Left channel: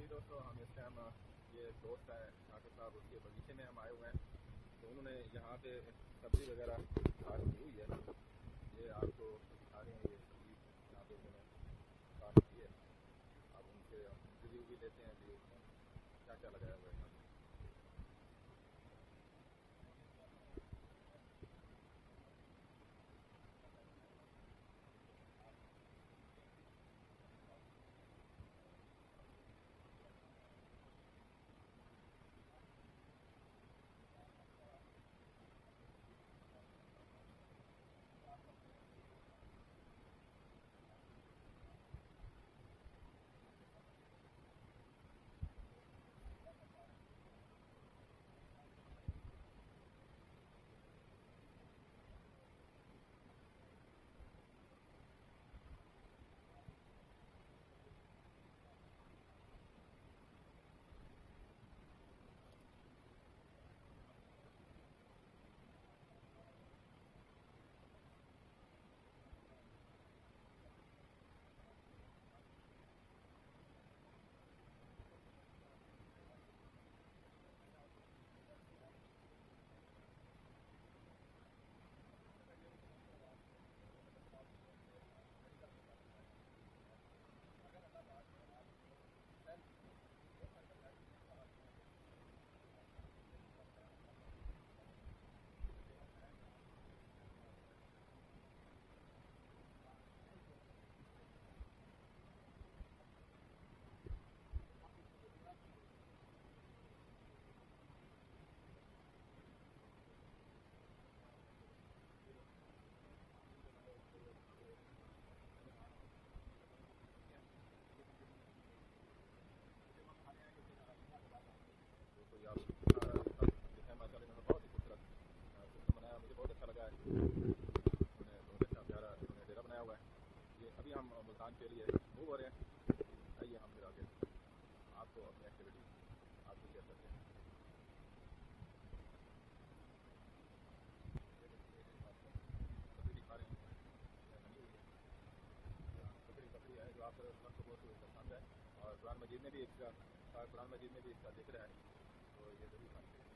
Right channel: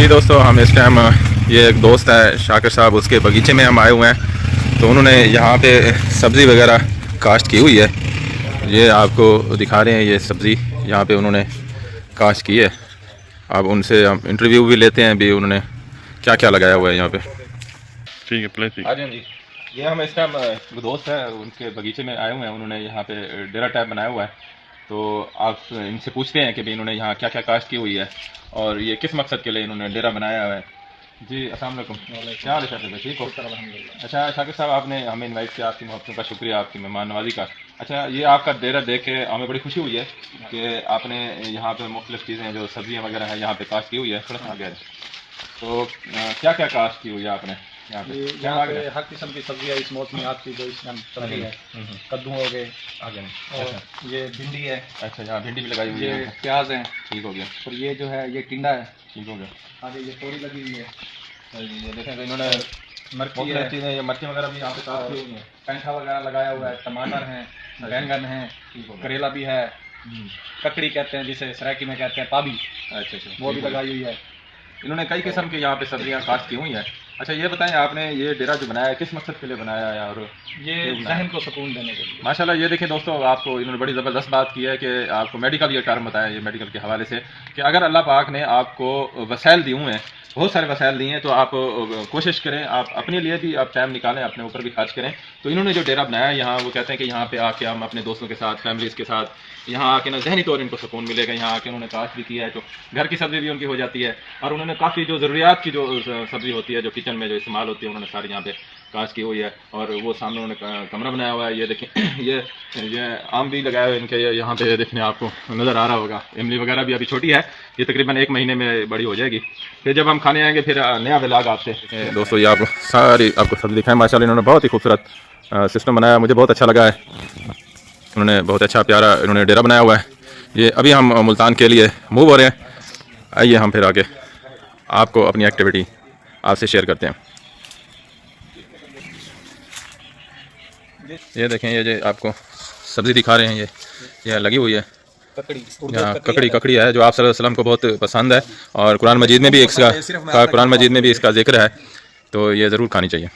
जी दोस्तों, हम इस टाइम ये एक दोस्त है शाकिर साहब, उसके बगीचे में हम आए हुए हैं। तो उन्होंने यहाँ पे सब्ज़ी वगैरह काश्त की हुई है। ये आपको दिखा रहे हैं, ये सब्ज़ी यहाँ पे उन्होंने काश्त की है। अब उनसे हम इंटरव्यू भी लेते हैं भी उन्होंने क्या क्या लगाया हुआ है यहाँ पे। ठीक है, प्ले ठीक। हाँ जी, ये हम इस टाइम वो दोस्त है उनके बगीचे में आए हुए हैं। उन्होंने यहाँ पे डेरा टाइप बनाया हुआ है। तो आप इनसे पूछते हैं कि भाई इन्होंने यहाँ क्या क्या काश्त की हुई है और ये किस मकसद के लिए इन्होंने डेरा बनाया हुआ है। जी अस्सलाम वालेकुम। क्या हाल है शाकिर भाई, ठीक हो? अच्छा शाकिर साहब, आपने हमें इनवाइट किया, आपकी मोहब्बत का शुक्रिया, आपकी मेहमान नवाजी का। अच्छा, ये आपका डेरा देख के हमें बड़ी खुशी हुई है कि आपने यहाँ पे मुख्तलिफ चीज़ें जो सब्जियाँ वगैरह हैं यहाँ पे काश्त की हुई है। थोड़ा सा आगे तो क्या क्या काश्त की हुई है आपने यहाँ पे? यहाँ पे हर किस्म की सब्जियाँ इस मौसमी आपकी जो इस टाइम चल रही है। कद्दू हो गए आगे नहीं। और ये भिंडी है। अच्छा, यहाँ भिंडी भी लगाई हुई ये है। प्याज है। ठीक हो गया। और ये जो है ये टिंडा है। ठीक हो गया। आगे ये तोरी लगी हुई है। ये देखें तो इन्होंने मिर्ची है, मुख्तलिफ चीज़ें, मिर्ची वगैरह भी यहाँ पे काश्त की हुई हैं। पेंठा वगैरह लगाया हुआ है, टमाटर हैं, बैंगन हैं, करेला भी है, ककड़ी कहते हैं जिसे सरायकी में कहते हैं पाबी। अच्छा अच्छा, वो भी लगाई हुई है। इन्होंने कई किस्म की यहाँ पे सब्जियाँ काश्त की हुई हैं। अच्छा, ये बताएं आपने ये डेरा जो बनाया है किस मकसद के लिए बनाया है? और ये जहन को सुकून देने के लिए। माशाल्लाह, ये देखें दोस्तों, आपको इन्होंने बड़ी ज़बरदस्त बात की है कि आपको मेडिकल ये टर्म बताया, ये मेडिकल के हवाले से कि अगर अल्लाह पाक ने आपको वसाइल दिए हुए हैं, बहुत सारे वसाइल दिए हैं, तो आप कोशिश करें, आप अपने लिए भी आप टाइम निकालें, अपने ऊपर भी खर्च करें। तो इन्होंने जो डेरा बनाया है यहाँ, वो कहते हैं कि यहाँ पे आके हम अपने दोस्तों के साथ, फैमिलीज़ के साथ यहाँ आके ना जहनी तौर इनको सुकून मिलेगा। यहाँ आके उन्होंने काश्त भी किया है तो घर की सब्ज़ी भी उनकी हो जाती है। और उन्होंने काफ़ी जो ज़रूरियात की जो सब्ज़ी होती है, जो किचन में जो इस्तेमाल होती है, उन्होंने सारी यहाँ पे काश्त की हुई है। और वो सामने उन्होंने कमरा बनाया हुआ है। ये देखें ये आम भी लगाया हुआ है इनके, यहाँ पे देखने आपको नज़र आ रहा होगा। इमली वगैरह भी अभी छोटी है, ये तकरीबन 1 महीने में बड़ी हो जाएगी। फिर जब हम खाने आएंगे फिर नया व्लॉग आपसे। दोस्तों, ये आपको सारी आपको सब्ज़ी दिखाएं। माशाल्लाह, इन्होंने बहुत ही खूबसूरत सिस्टम बनाया, मुझे बहुत अच्छा लगा है। उन्होंने बहुत अच्छा प्यारा इन्होंने डेरा बनाया हुआ है। ये अभी हम मुल्तान के लिए मूव हो रहे हैं। आइए हम फिर आगे आपको अपनी एक्टिविटी आपसे शेयर करते हैं। ये देखें, ये जो आपको सब्ज़ी दिखा रहे हैं, ये लगी हुई है यहाँ ककड़ी है, जो आप सल्लल्लाहु अलैहि वसल्लम को बहुत पसंद है और कुरान मजीद में भी इसका जिक्र है। तो ये ज़रूर खानी चाहिए।